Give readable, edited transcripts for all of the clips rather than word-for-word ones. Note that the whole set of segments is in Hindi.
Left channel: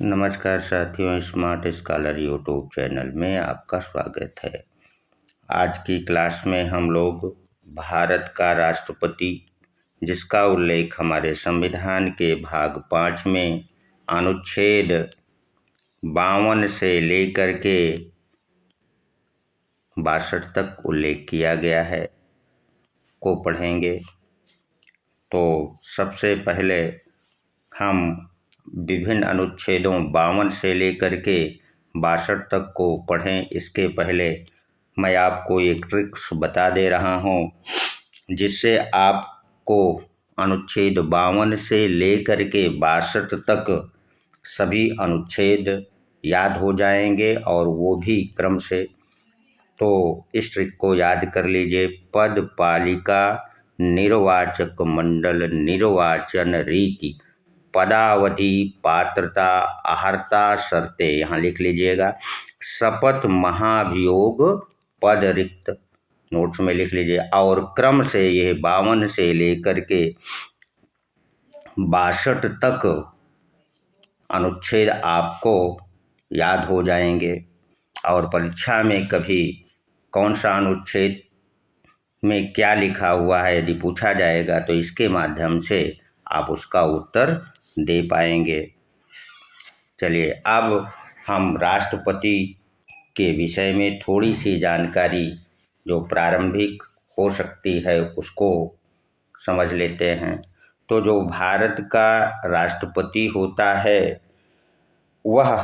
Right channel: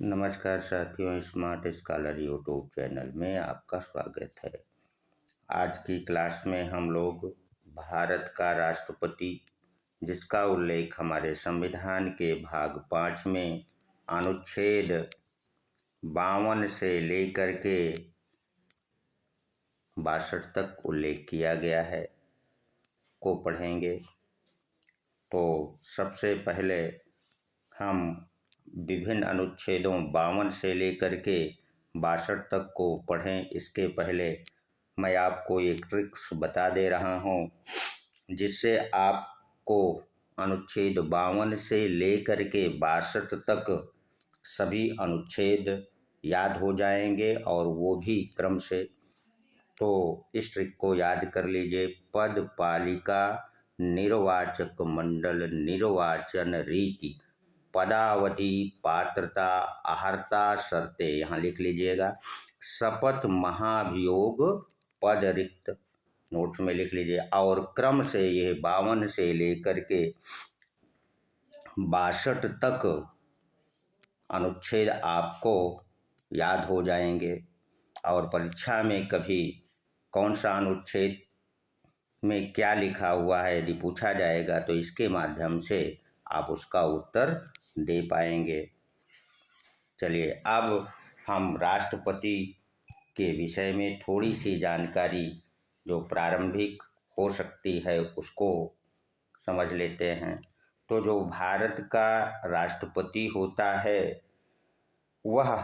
नमस्कार साथियों, स्मार्ट स्कॉलर यूट्यूब चैनल में आपका स्वागत है। आज की क्लास में हम लोग भारत का राष्ट्रपति, जिसका उल्लेख हमारे संविधान के भाग 5 में अनुच्छेद 52 से लेकर के 62 तक उल्लेख किया गया है, को पढ़ेंगे। तो सबसे पहले हम विभिन्न अनुच्छेदों 52 से लेकर के 62 तक को पढ़ें। इसके पहले मैं आपको एक ट्रिक्स बता दे रहा हूँ, जिससे आपको अनुच्छेद 52 से लेकर के 62 तक सभी अनुच्छेद याद हो जाएंगे, और वो भी क्रम से। तो इस ट्रिक को याद कर लीजिए। पद, पालिका, निर्वाचक मंडल, निर्वाचन रीति, पदावधि, पात्रता, अहर्ता, शर्तें यहाँ लिख लीजिएगा। शपथ, महाभियोग, पद रिक्त नोट्स में लिख लीजिए। और क्रम से ये 52 से लेकर के 62 तक अनुच्छेद आपको याद हो जाएंगे, और परीक्षा में कभी कौन सा अनुच्छेद में क्या लिखा हुआ है यदि पूछा जाएगा तो इसके माध्यम से आप उसका उत्तर दे पाएंगे। चलिए, अब हम राष्ट्रपति के विषय में थोड़ी सी जानकारी जो प्रारंभिक हो सकती है उसको समझ लेते हैं। तो जो भारत का राष्ट्रपति होता है वह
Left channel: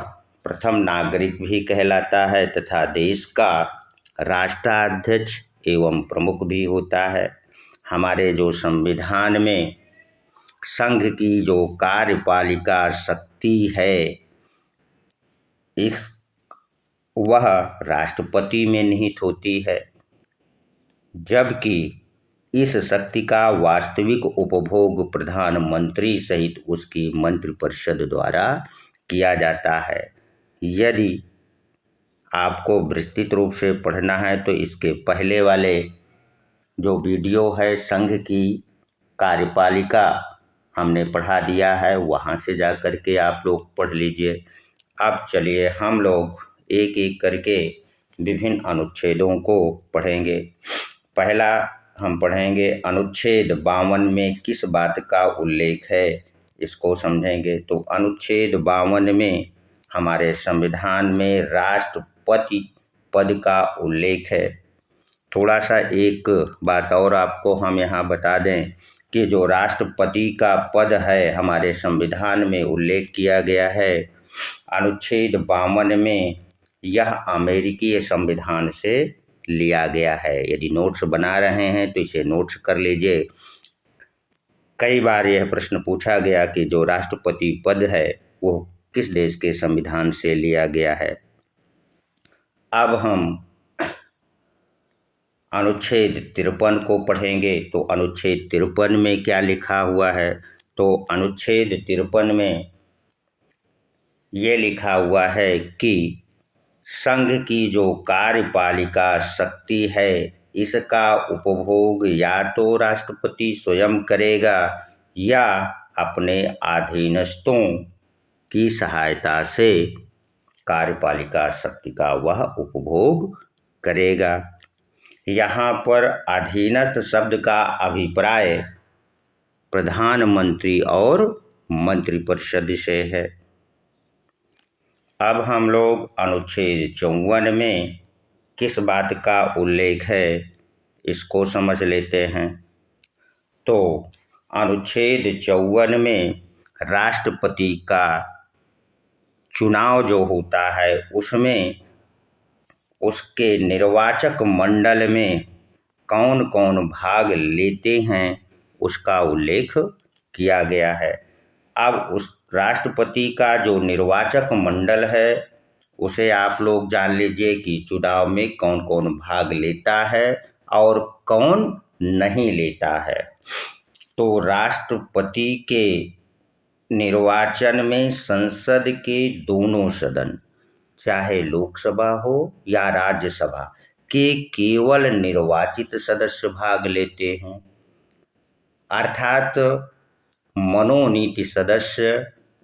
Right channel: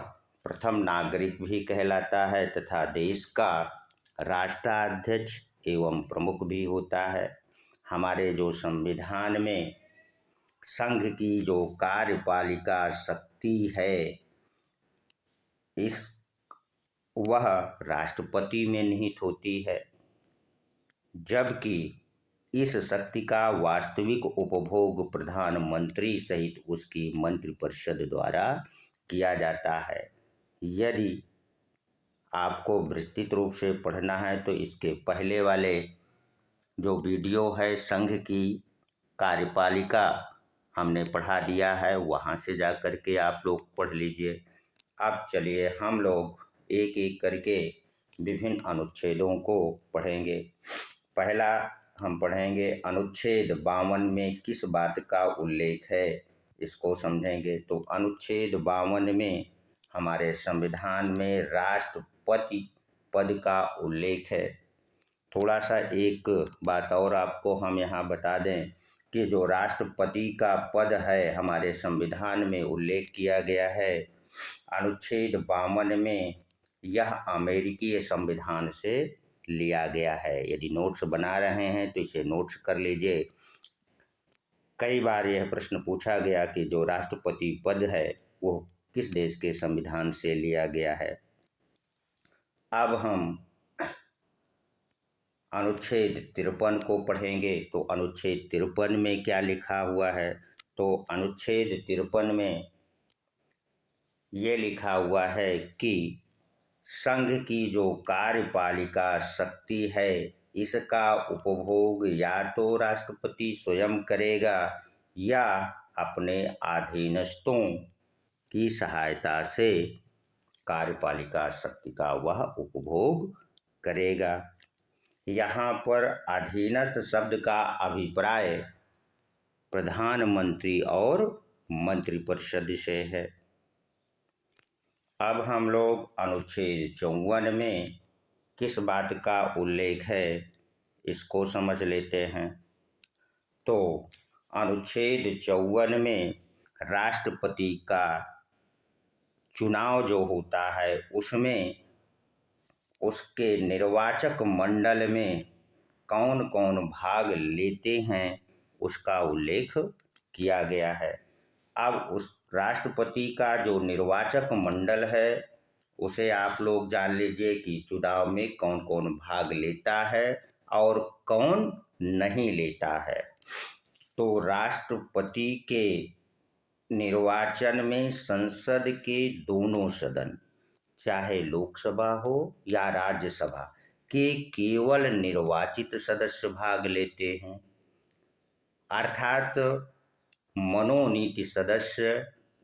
प्रथम नागरिक भी कहलाता है तथा देश का राष्ट्राध्यक्ष एवं प्रमुख भी होता है। हमारे जो संविधान में संघ की जो कार्यपालिका शक्ति है, इस वह राष्ट्रपति में निहित होती है, जबकि इस शक्ति का वास्तविक उपभोग प्रधानमंत्री सहित उसकी मंत्रिपरिषद द्वारा किया जाता है। यदि आपको विस्तृत रूप से पढ़ना है तो इसके पहले वाले जो वीडियो है संघ की कार्यपालिका हमने पढ़ा दिया है, वहाँ से जा कर के आप लोग पढ़ लीजिए। अब चलिए हम लोग एक एक करके विभिन्न अनुच्छेदों को पढ़ेंगे। पहला हम पढ़ेंगे अनुच्छेद 52 में किस बात का उल्लेख है, इसको समझेंगे। तो अनुच्छेद 52 में हमारे संविधान में राष्ट्रपति पद का उल्लेख है। थोड़ा सा एक बात और आपको हम यहाँ बता दें कि जो राष्ट्रपति का पद है हमारे संविधान में उल्लेख किया गया है अनुच्छेद 52 में, यह अमेरिकी संविधान से लिया गया है। यदि नोट्स बना रहे हैं तो इसे नोट्स कर लीजिए। कई बार यह प्रश्न पूछा गया कि जो राष्ट्रपति पद है वो किस देश के संविधान से लिया गया है। अब हम अनुच्छेद 53 को पढ़ेंगे। तो अनुच्छेद 53 में क्या लिखा हुआ है, तो अनुच्छेद 53 में ये लिखा हुआ है कि संघ की जो कार्यपालिका शक्ति है इसका उपभोग या तो राष्ट्रपति स्वयं करेगा या अपने अधीनस्थों की सहायता से कार्यपालिका शक्ति का वह उपभोग करेगा। यहाँ पर अधीनस्थ शब्द का अभिप्राय प्रधानमंत्री और मंत्रिपरिषद से है। अब हम लोग अनुच्छेद 54 में किस बात का उल्लेख है इसको समझ लेते हैं। तो अनुच्छेद 54 में राष्ट्रपति का चुनाव जो होता है उसमें उसके निर्वाचक मंडल में कौन कौन भाग लेते हैं उसका उल्लेख किया गया है। अब उस राष्ट्रपति का जो निर्वाचक मंडल है उसे आप लोग जान लीजिए कि चुनाव में कौन कौन भाग लेता है और कौन नहीं लेता है। तो राष्ट्रपति के निर्वाचन में संसद के दोनों सदन, चाहे लोकसभा हो या राज्यसभा के केवल निर्वाचित सदस्य भाग लेते हैं, अर्थात मनोनीत सदस्य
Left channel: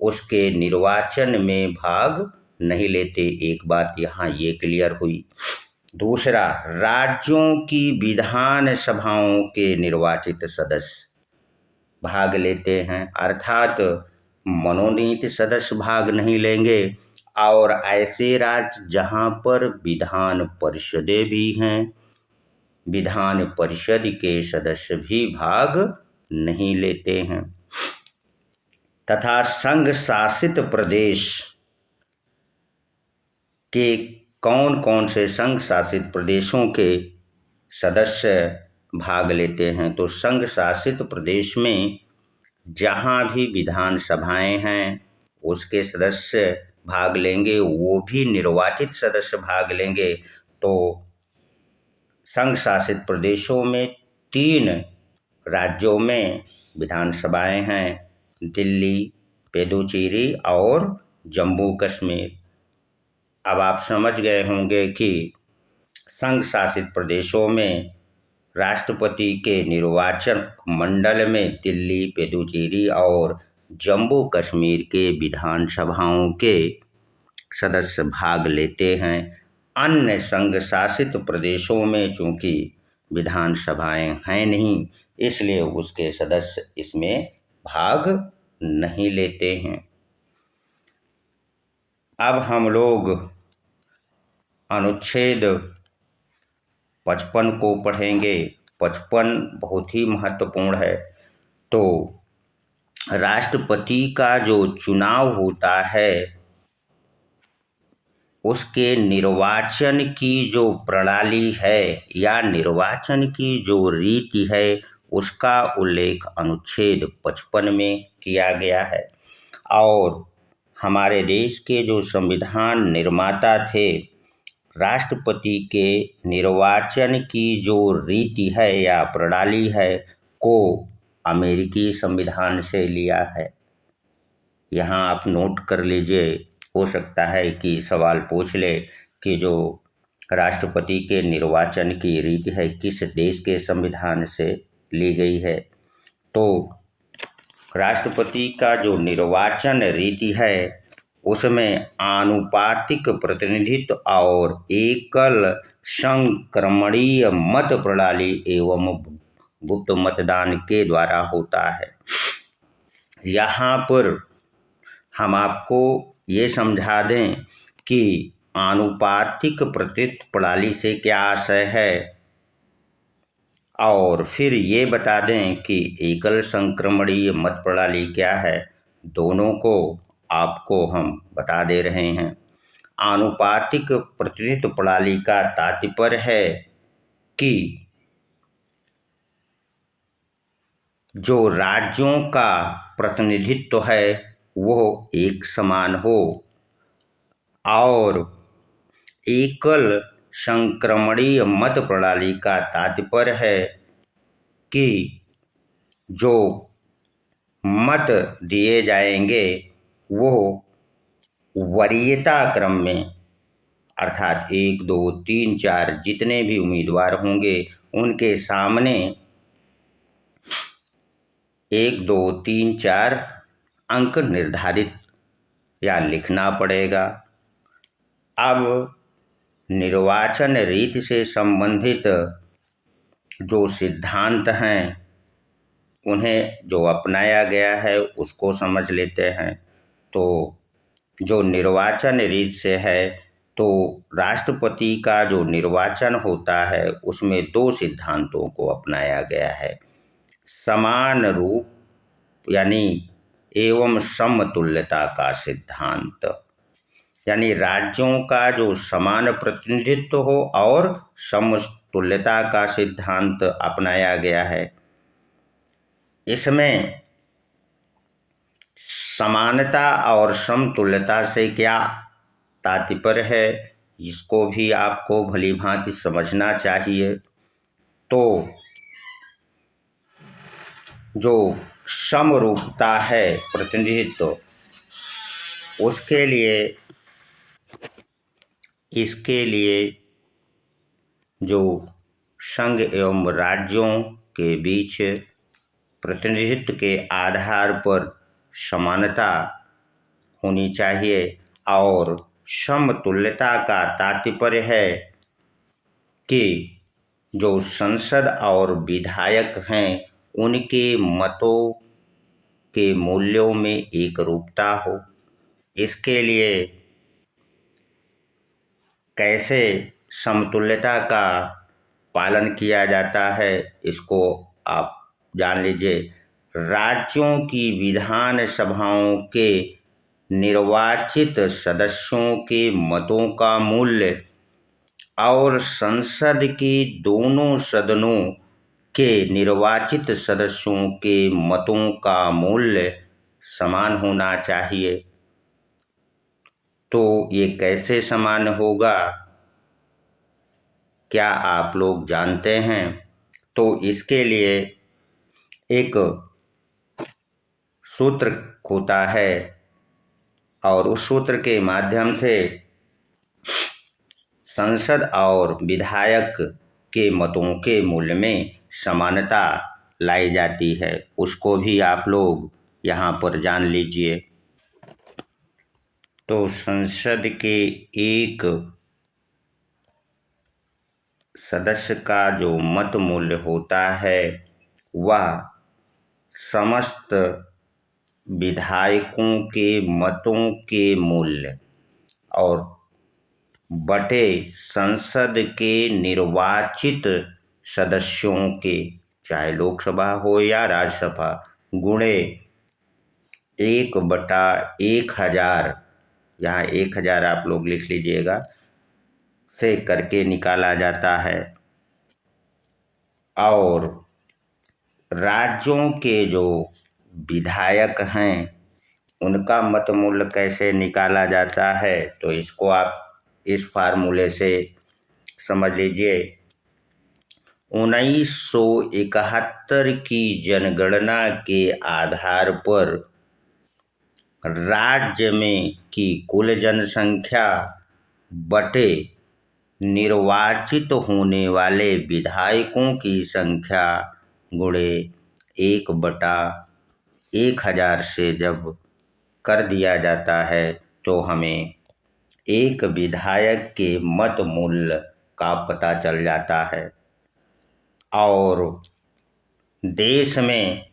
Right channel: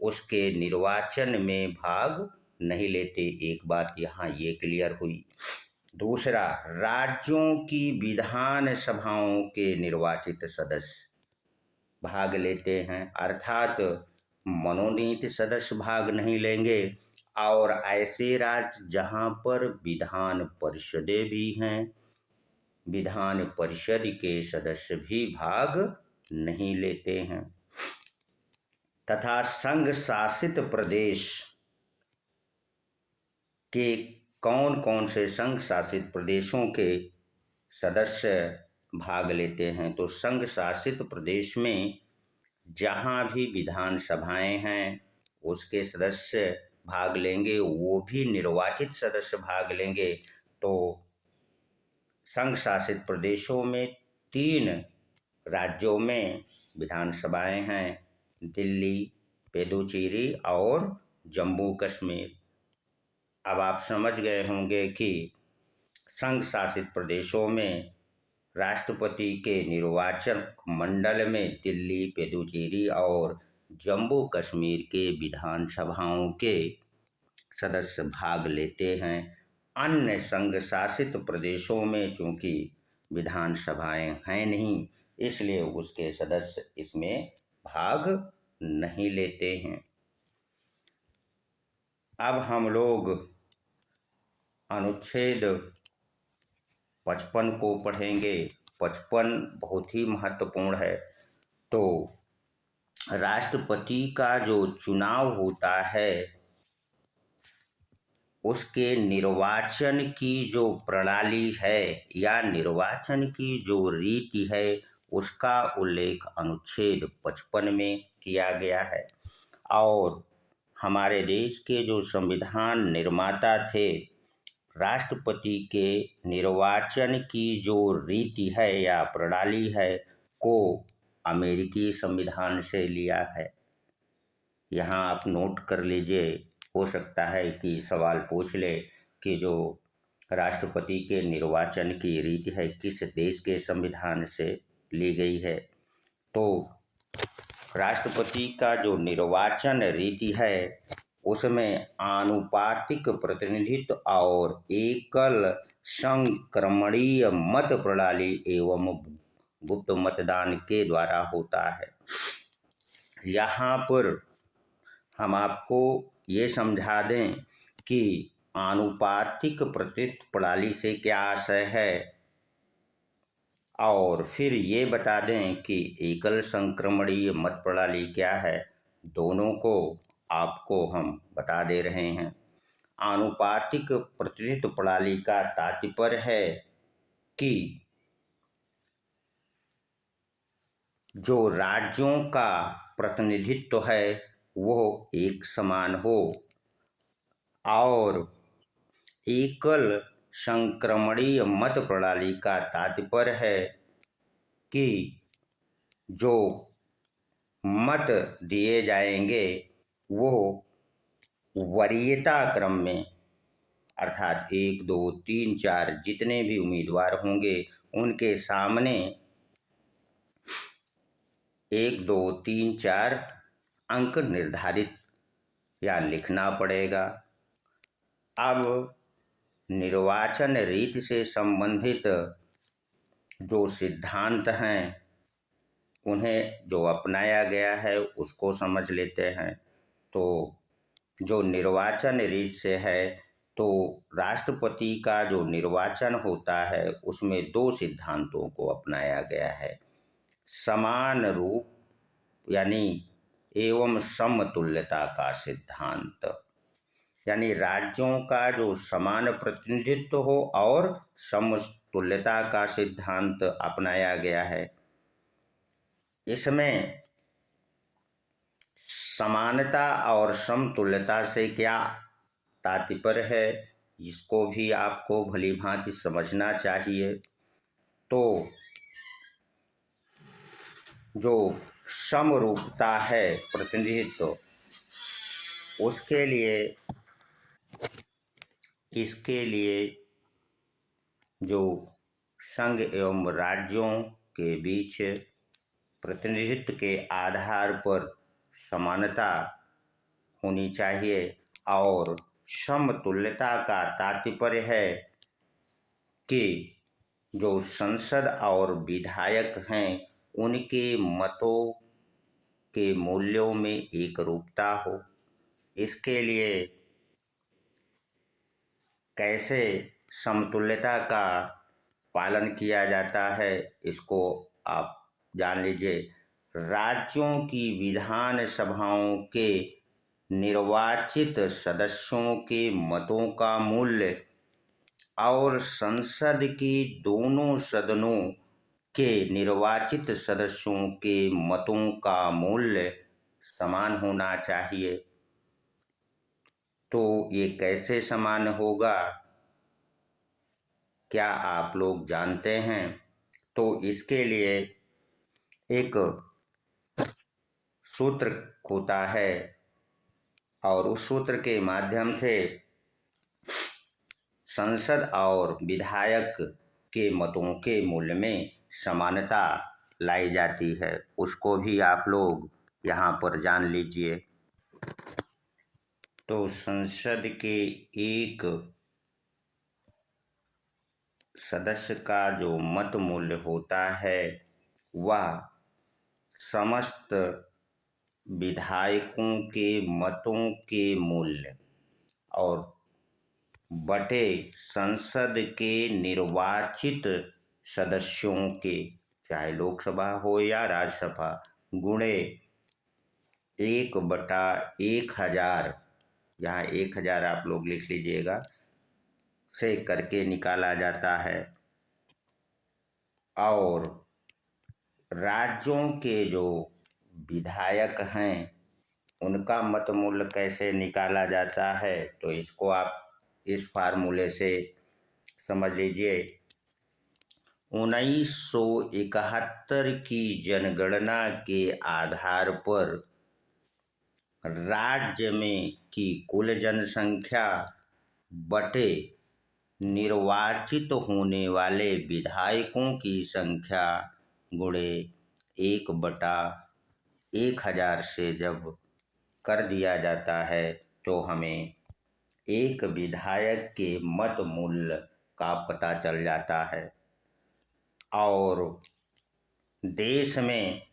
उसके निर्वाचन में भाग नहीं लेते। एक बात यहाँ ये क्लियर हुई। दूसरा, राज्यों की विधान सभाओं के निर्वाचित सदस्य भाग लेते हैं, अर्थात मनोनीत सदस्य भाग नहीं लेंगे। और ऐसे राज्य जहाँ पर विधान परिषदें भी हैं, विधान परिषद के सदस्य भी भाग नहीं लेते हैं। तथा संघ शासित प्रदेश के कौन कौन से संघ शासित प्रदेशों के सदस्य भाग लेते हैं? तो संघ शासित प्रदेश में जहाँ भी विधानसभाएं हैं उसके सदस्य भाग लेंगे, वो भी निर्वाचित सदस्य भाग लेंगे। तो संघ शासित प्रदेशों में 3 राज्यों में विधानसभाएं हैं, दिल्ली, पुदुचेरी और जम्मू कश्मीर। अब आप समझ गए होंगे कि संघ शासित प्रदेशों में राष्ट्रपति के निर्वाचन मंडल में दिल्ली, पुदुचेरी और जम्मू कश्मीर के विधानसभाओं के सदस्य भाग लेते हैं। अन्य संघ शासित प्रदेशों में चूंकि विधानसभाएं हैं नहीं, इसलिए उसके सदस्य इसमें भाग नहीं लेते हैं। अब हम लोग अनुच्छेद 55 को पढ़ेंगे। 55 बहुत ही महत्वपूर्ण है। तो राष्ट्रपति का जो चुनाव होता है उसके निर्वाचन की जो प्रणाली है या निर्वाचन की जो रीति है उसका उल्लेख अनुच्छेद 55 में किया गया है। और हमारे देश के जो संविधान निर्माता थे, राष्ट्रपति के निर्वाचन की जो रीति है या प्रणाली है को अमेरिकी संविधान से लिया है। यहाँ आप नोट कर लीजिए, हो सकता है कि सवाल पूछ ले कि जो राष्ट्रपति के निर्वाचन की रीति है किस देश के संविधान से ली गई है। तो राष्ट्रपति का जो निर्वाचन रीति है उसमें आनुपातिक प्रतिनिधित्व और एकल संक्रमणीय मत प्रणाली एवं गुप्त मतदान के द्वारा होता है। यहाँ पर हम आपको ये समझा दें कि आनुपातिक प्रतिनिधित्व प्रणाली से क्या आशय है, और फिर ये बता दें कि एकल संक्रमणीय मत प्रणाली क्या है। दोनों को आपको हम बता दे रहे हैं। आनुपातिक प्रतिनिधित्व प्रणाली का तात्पर्य है कि जो राज्यों का प्रतिनिधित्व है वो एक समान हो, और एकल संक्रमणीय मत प्रणाली का तात्पर्य है कि जो मत दिए जाएंगे वो वरीयता क्रम में, अर्थात 1, 2, 3, 4 जितने भी उम्मीदवार होंगे उनके सामने 1, 2, 3, 4 अंक निर्धारित या लिखना पड़ेगा। अब निर्वाचन रीति से संबंधित जो सिद्धांत हैं उन्हें जो अपनाया गया है उसको समझ लेते हैं। तो जो निर्वाचन रीत से है, तो राष्ट्रपति का जो निर्वाचन होता है उसमें 2 सिद्धांतों को अपनाया गया है। समान रूप यानी एवं समतुल्यता का सिद्धांत, यानी राज्यों का जो समान प्रतिनिधित्व हो और समतुल्यता का सिद्धांत अपनाया गया है। इसमें समानता और समतुल्यता से क्या तात्पर्य है इसको भी आपको भली भांति समझना चाहिए। तो जो समरूपता है प्रतिनिधित्व, उसके लिए इसके लिए जो संघ एवं राज्यों के बीच प्रतिनिधित्व के आधार पर समानता होनी चाहिए। और समतुल्यता का तात्पर्य है कि जो संसद और विधायक हैं उनके मतों के मूल्यों में एकरूपता हो। इसके लिए कैसे समतुल्यता का पालन किया जाता है इसको आप जान लीजिए। राज्यों की विधान सभाओं के निर्वाचित सदस्यों के मतों का मूल्य और संसद के दोनों सदनों के निर्वाचित सदस्यों के मतों का मूल्य समान होना चाहिए। तो ये कैसे समान होगा, क्या आप लोग जानते हैं? तो इसके लिए एक सूत्र होता है और उस सूत्र के माध्यम से संसद और विधायक के मतों के मूल्य में समानता लाई जाती है। उसको भी आप लोग यहाँ पर जान लीजिए। तो संसद के एक सदस्य का जो मत मूल्य होता है वह समस्त विधायकों के मतों के मूल्य और बटे संसद के निर्वाचित सदस्यों के, चाहे लोकसभा हो या राज्यसभा, गुणे 1/1000, यहाँ 1000 आप लोग लिख लीजिएगा, से करके निकाला जाता है। और राज्यों के जो विधायक हैं उनका मत मूल्य कैसे निकाला जाता है, तो इसको आप इस फार्मूले से समझ लीजिए। 1971 की जनगणना के आधार पर राज्य में की कुल जनसंख्या बटे निर्वाचित होने वाले विधायकों की संख्या गुणे 1/1000 से जब कर दिया जाता है तो हमें एक विधायक के मत मूल्य का पता चल जाता है। और देश में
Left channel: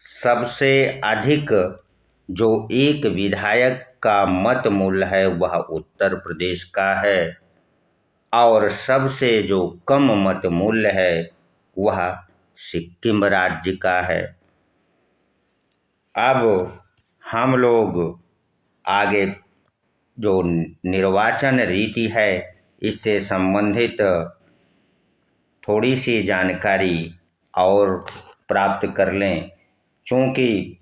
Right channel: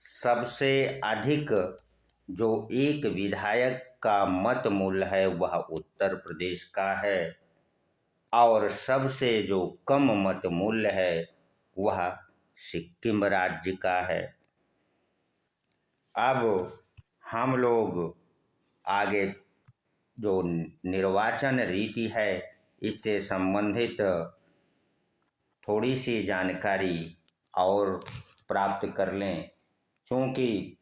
सबसे अधिक जो एक विधायक का मत मूल्य है वह उत्तर प्रदेश का है और सबसे जो कम मत मूल्य है वह सिक्किम राज्य का है। अब हम लोग आगे जो निर्वाचन रीति है इससे संबंधित थोड़ी सी जानकारी और प्राप्त कर लें। क्योंकि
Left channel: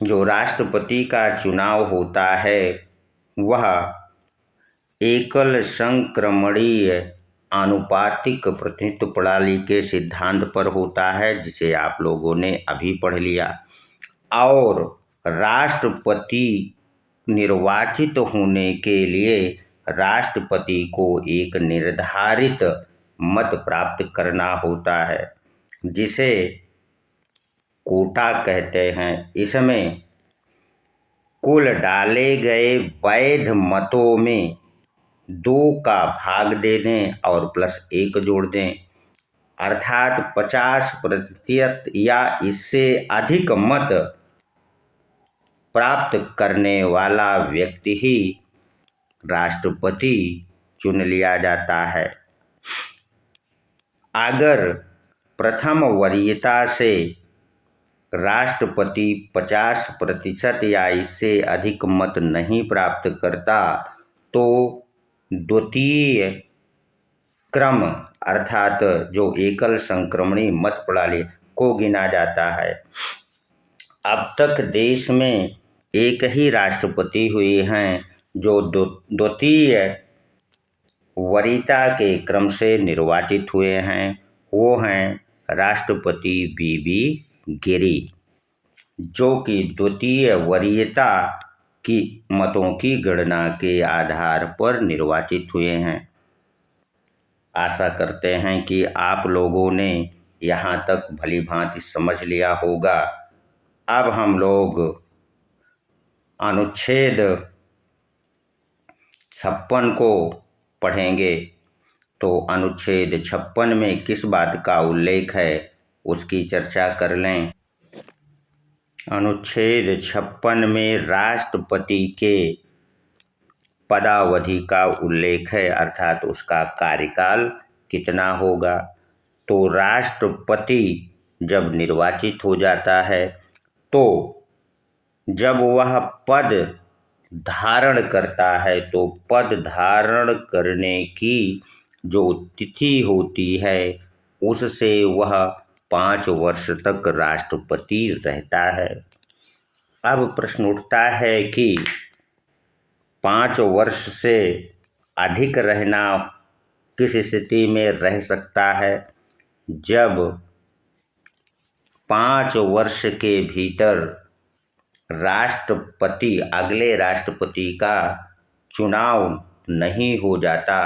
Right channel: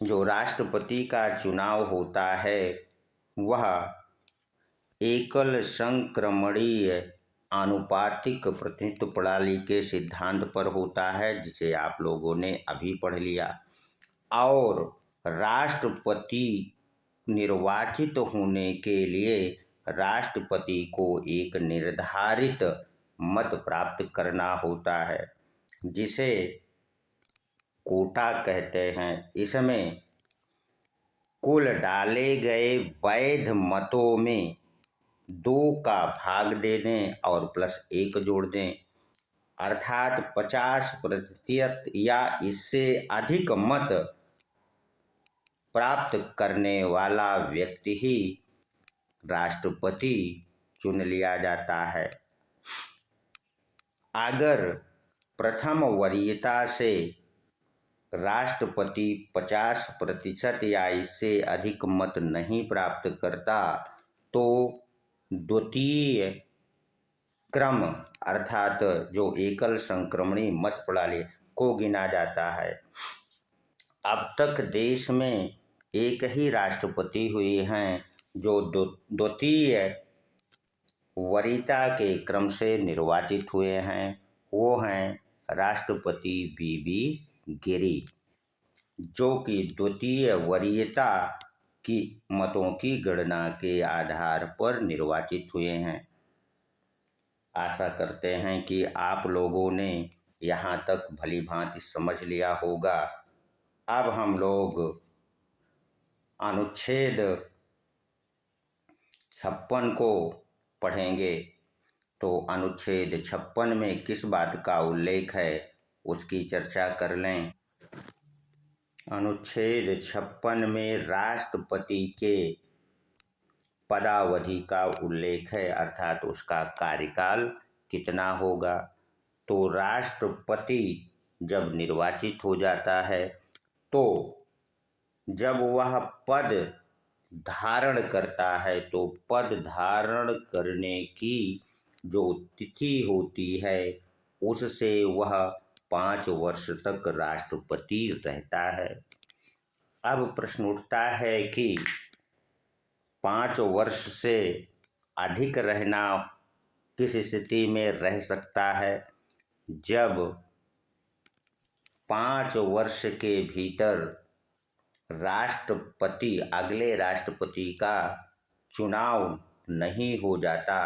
जो राष्ट्रपति का चुनाव होता है वह एकल संक्रमणीय आनुपातिक प्रतिनिधित्व प्रणाली के सिद्धांत पर होता है, जिसे आप लोगों ने अभी पढ़ लिया। और राष्ट्रपति निर्वाचित होने के लिए राष्ट्रपति को एक निर्धारित मत प्राप्त करना होता है जिसे कोटा कहते हैं। इसमें कुल डाले गए वैध मतों में 2 का भाग दे दें और +1 जोड़ दें, अर्थात 50% या इससे अधिक मत प्राप्त करने वाला व्यक्ति ही राष्ट्रपति चुन लिया जाता है। अगर प्रथम वरीयता से राष्ट्रपति 50% या इससे अधिक मत नहीं प्राप्त करता तो द्वितीय क्रम अर्थात जो एकल संक्रमणी मत प्रणाली को गिना जाता है। अब तक देश में एक ही राष्ट्रपति हुए हैं जो द्वितीय वरीयता के क्रम से निर्वाचित हुए हैं। वो हैं राष्ट्रपति वीवी गिरी, जो कि द्वितीय वरीयता की मतों की गणना के आधार पर निर्वाचित हुए हैं। आशा करते हैं कि आप लोगों ने यहाँ तक भली भांति समझ लिया होगा। अब हम लोग अनुच्छेद 56 को पढ़ेंगे तो अनुच्छेद 56 में किस बात का उल्लेख है उसकी चर्चा कर लें। अनुच्छेद 56 में राष्ट्रपति के पदावधि का उल्लेख है, अर्थात उसका कार्यकाल कितना होगा। तो राष्ट्रपति जब निर्वाचित हो जाता है तो जब वह पद धारण करता है तो पद धारण करने की जो तिथि होती है उससे वह 5 वर्ष तक राष्ट्रपति रहता है। अब प्रश्न उठता है कि 5 वर्ष से अधिक रहना किस स्थिति में रह सकता है, जब 5 वर्ष के भीतर राष्ट्रपति अगले राष्ट्रपति का चुनाव नहीं हो जाता,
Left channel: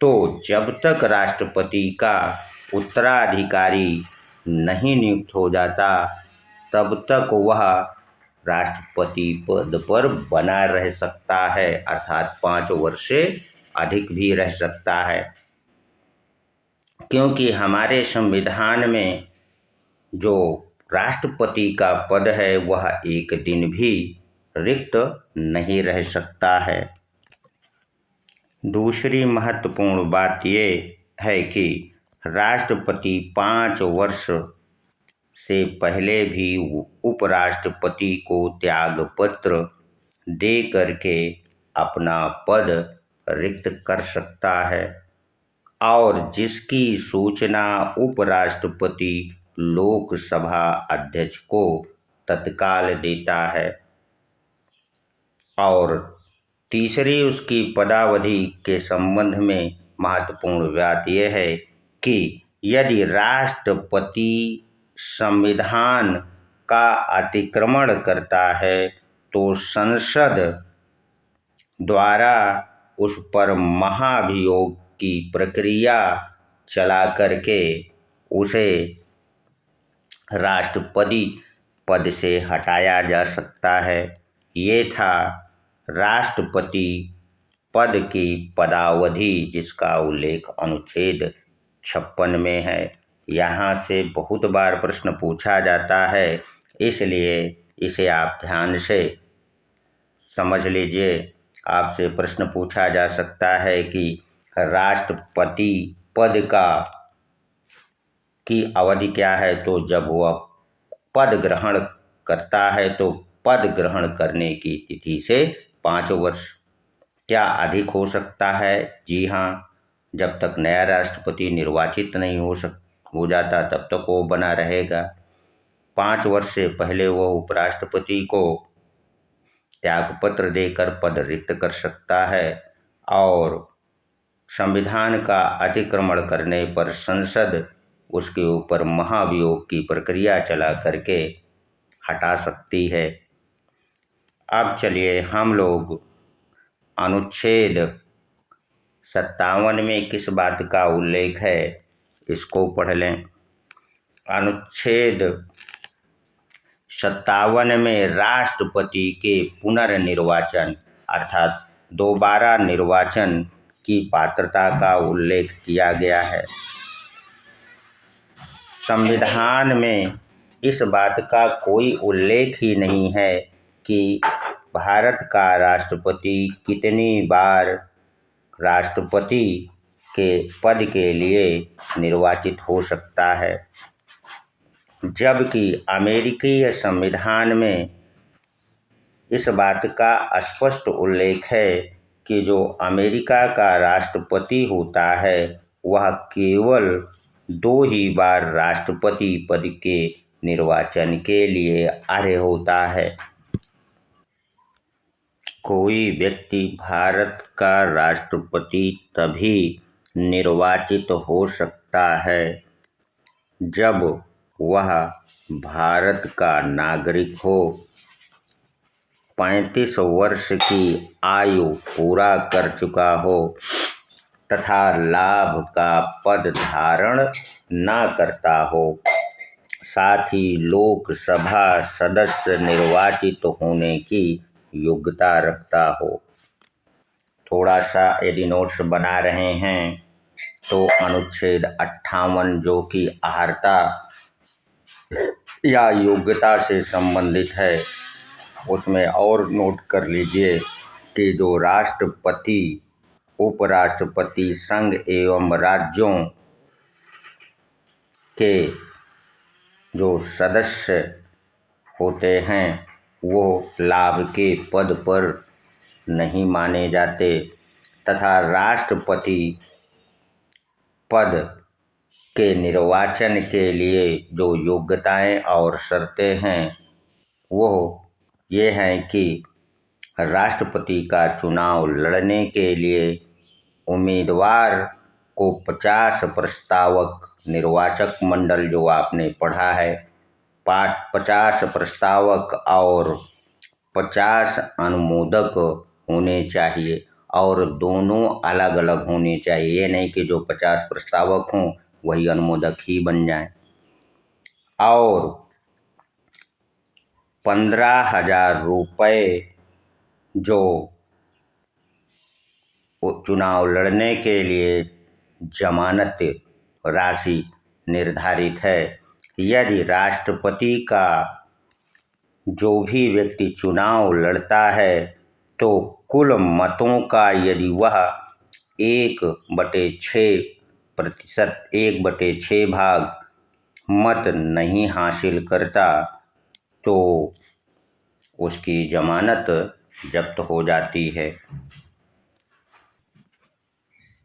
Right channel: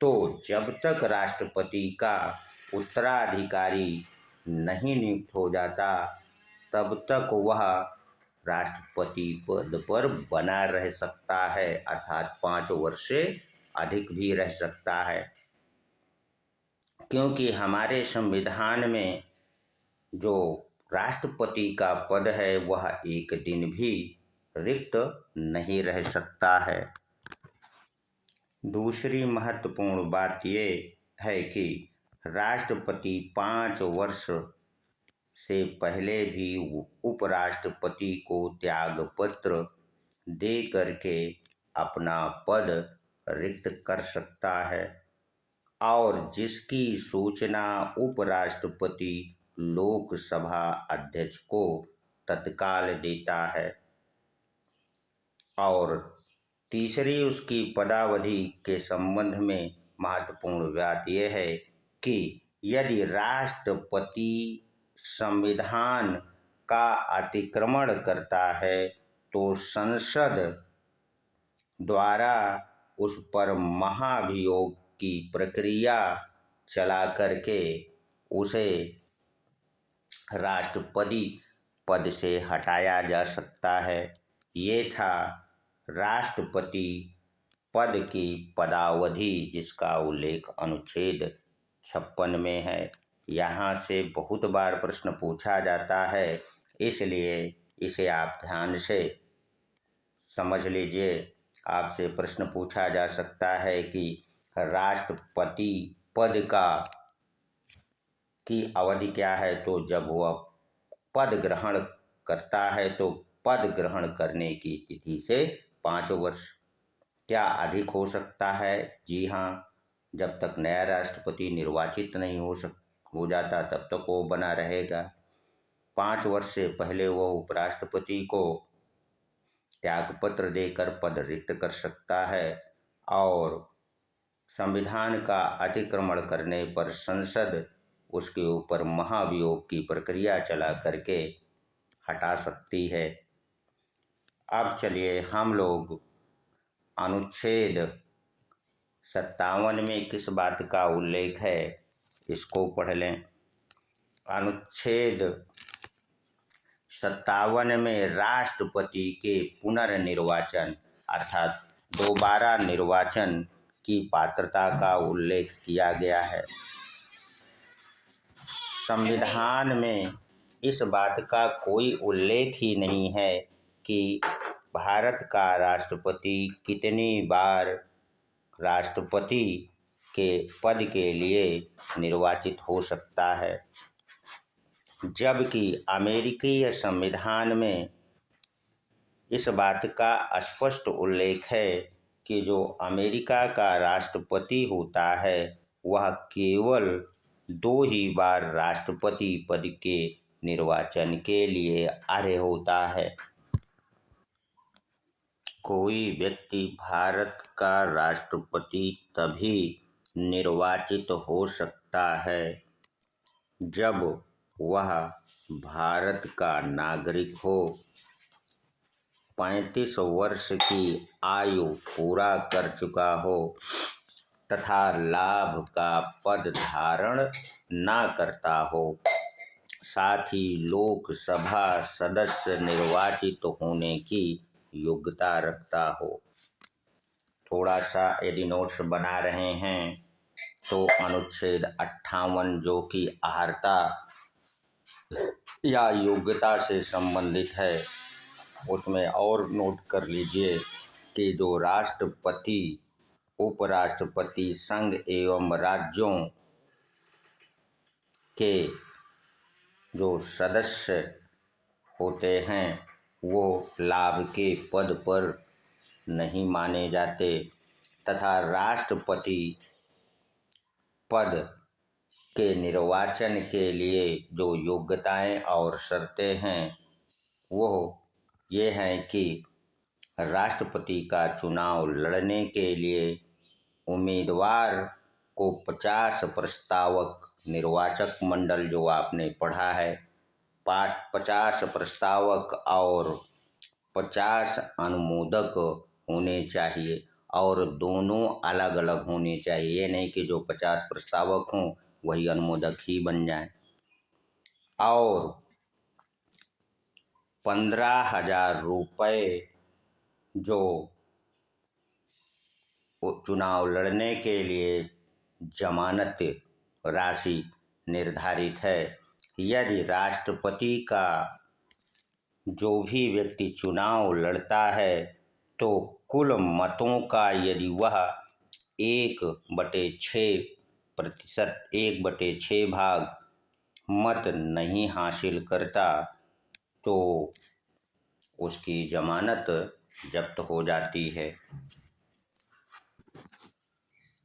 तो जब तक राष्ट्रपति का उत्तराधिकारी नहीं नियुक्त हो जाता तब तक वह राष्ट्रपति पद पर बना रह सकता है, अर्थात 5 वर्ष से अधिक भी रह सकता है। क्योंकि हमारे संविधान में जो राष्ट्रपति का पद है वह एक दिन भी रिक्त नहीं रह सकता है। दूसरी महत्वपूर्ण बात ये है कि राष्ट्रपति 5 वर्ष से पहले भी उपराष्ट्रपति को त्यागपत्र दे करके अपना पद रिक्त कर सकता है और जिसकी सूचना उपराष्ट्रपति लोकसभा अध्यक्ष को तत्काल देता है। और तीसरी उसकी पदावधि के संबंध में महत्वपूर्ण बात यह है कि यदि राष्ट्रपति संविधान का अतिक्रमण करता है तो संसद द्वारा उस पर महाभियोग की प्रक्रिया चला करके उसे राष्ट्रपति पद से हटाया जा सकता है। ये था राष्ट्रपति पद की पदावधि जिसका उल्लेख अनुच्छेद 56 में है। यहाँ से बहुत बार प्रश्न पूछा जाता है, इसलिए इसे आप ध्यान से समझ लीजिए। आपसे प्रश्न पूछा जा सकता है कि राष्ट्रपति पद की अवधि क्या है, तो जब वह पद ग्रहण करता है तो पद ग्रहण करने की तिथि से 5 वर्ष। क्या अधिक हो सकता है? जी हाँ, जब तक नया राष्ट्रपति निर्वाचित नहीं हो जाता तब तक वो बना रहेगा। 5 वर्ष से पहले वो उपराष्ट्रपति को त्यागपत्र देकर पद रिक्त कर सकता है और संविधान का अतिक्रमण करने पर संसद उसके ऊपर महाभियोग की प्रक्रिया चला करके हटा सकती है। अब चलिए हम लोग अनुच्छेद 57 में किस बात का उल्लेख है इसको पढ़ लें। अनुच्छेद 57 में राष्ट्रपति के पुनर्निर्वाचन अर्थात दोबारा निर्वाचन की पात्रता का उल्लेख किया गया है। संविधान में इस बात का कोई उल्लेख ही नहीं है कि भारत का राष्ट्रपति कितनी बार राष्ट्रपति के पद के लिए निर्वाचित हो सकता है, जबकि अमेरिकी संविधान में इस बात का स्पष्ट उल्लेख है कि जो अमेरिका का राष्ट्रपति होता है वह केवल 2 ही बार राष्ट्रपति पद के निर्वाचन के लिए अर्ह होता है। कोई व्यक्ति भारत का राष्ट्रपति तभी निर्वाचित हो सकता है जब वह भारत का नागरिक हो, 35 वर्ष की आयु पूरा कर चुका हो तथा लाभ का पद धारण न करता हो, साथ ही लोकसभा सदस्य निर्वाचित होने की योग्यता रखता हो। थोड़ा सा यदि नोट्स बना रहे हैं तो अनुच्छेद 58 जो कि अहर्ता या योग्यता से संबंधित है, उसमें और नोट कर लीजिए कि जो राष्ट्रपति, उपराष्ट्रपति, संघ एवं राज्यों के जो सदस्य होते हैं वो लाभ के पद पर नहीं माने जाते तथा राष्ट्रपति पद के निर्वाचन के लिए जो योग्यताएं और शर्तें हैं वो ये हैं कि राष्ट्रपति का चुनाव लड़ने के लिए उम्मीदवार को 50 प्रस्तावक निर्वाचक मंडल जो आपने पढ़ा है, 50 प्रस्तावक और 50 अनुमोदक होने चाहिए और दोनों अलग अलग होने चाहिए। ये नहीं कि जो 50 प्रस्तावक हों वही अनुमोदक ही बन जाएं। और 15,000 रुपये जो चुनाव लड़ने के लिए जमानत राशि निर्धारित है। यदि राष्ट्रपति का जो भी व्यक्ति चुनाव लड़ता है तो कुल मतों का यदि वह 1/6%, 1/6 भाग मत नहीं हासिल करता तो उसकी जमानत जब्त हो जाती है।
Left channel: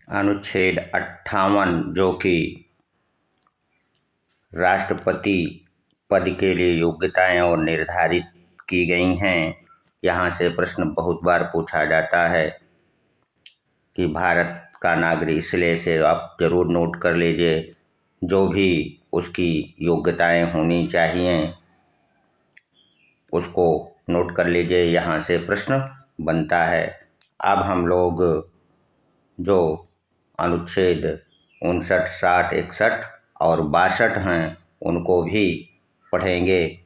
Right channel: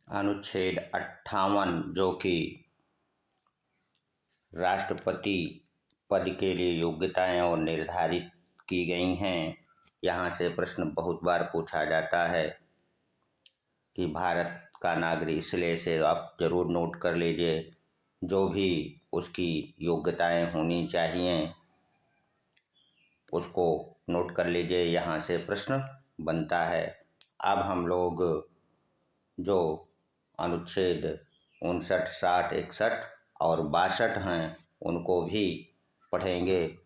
अनुच्छेद 58 जो कि राष्ट्रपति पद के लिए योग्यताएं और निर्धारित की गई हैं, यहाँ से प्रश्न बहुत बार पूछा जाता है कि भारत का नागरिक, इसलिए से आप जरूर नोट कर लीजिए जो भी उसकी योग्यताएं होनी चाहिए उसको नोट कर लीजिए, यहाँ से प्रश्न बनता है। अब हम लोग जो अनुच्छेद 59, 60, 61 और 62 हैं उनको भी पढ़ेंगे।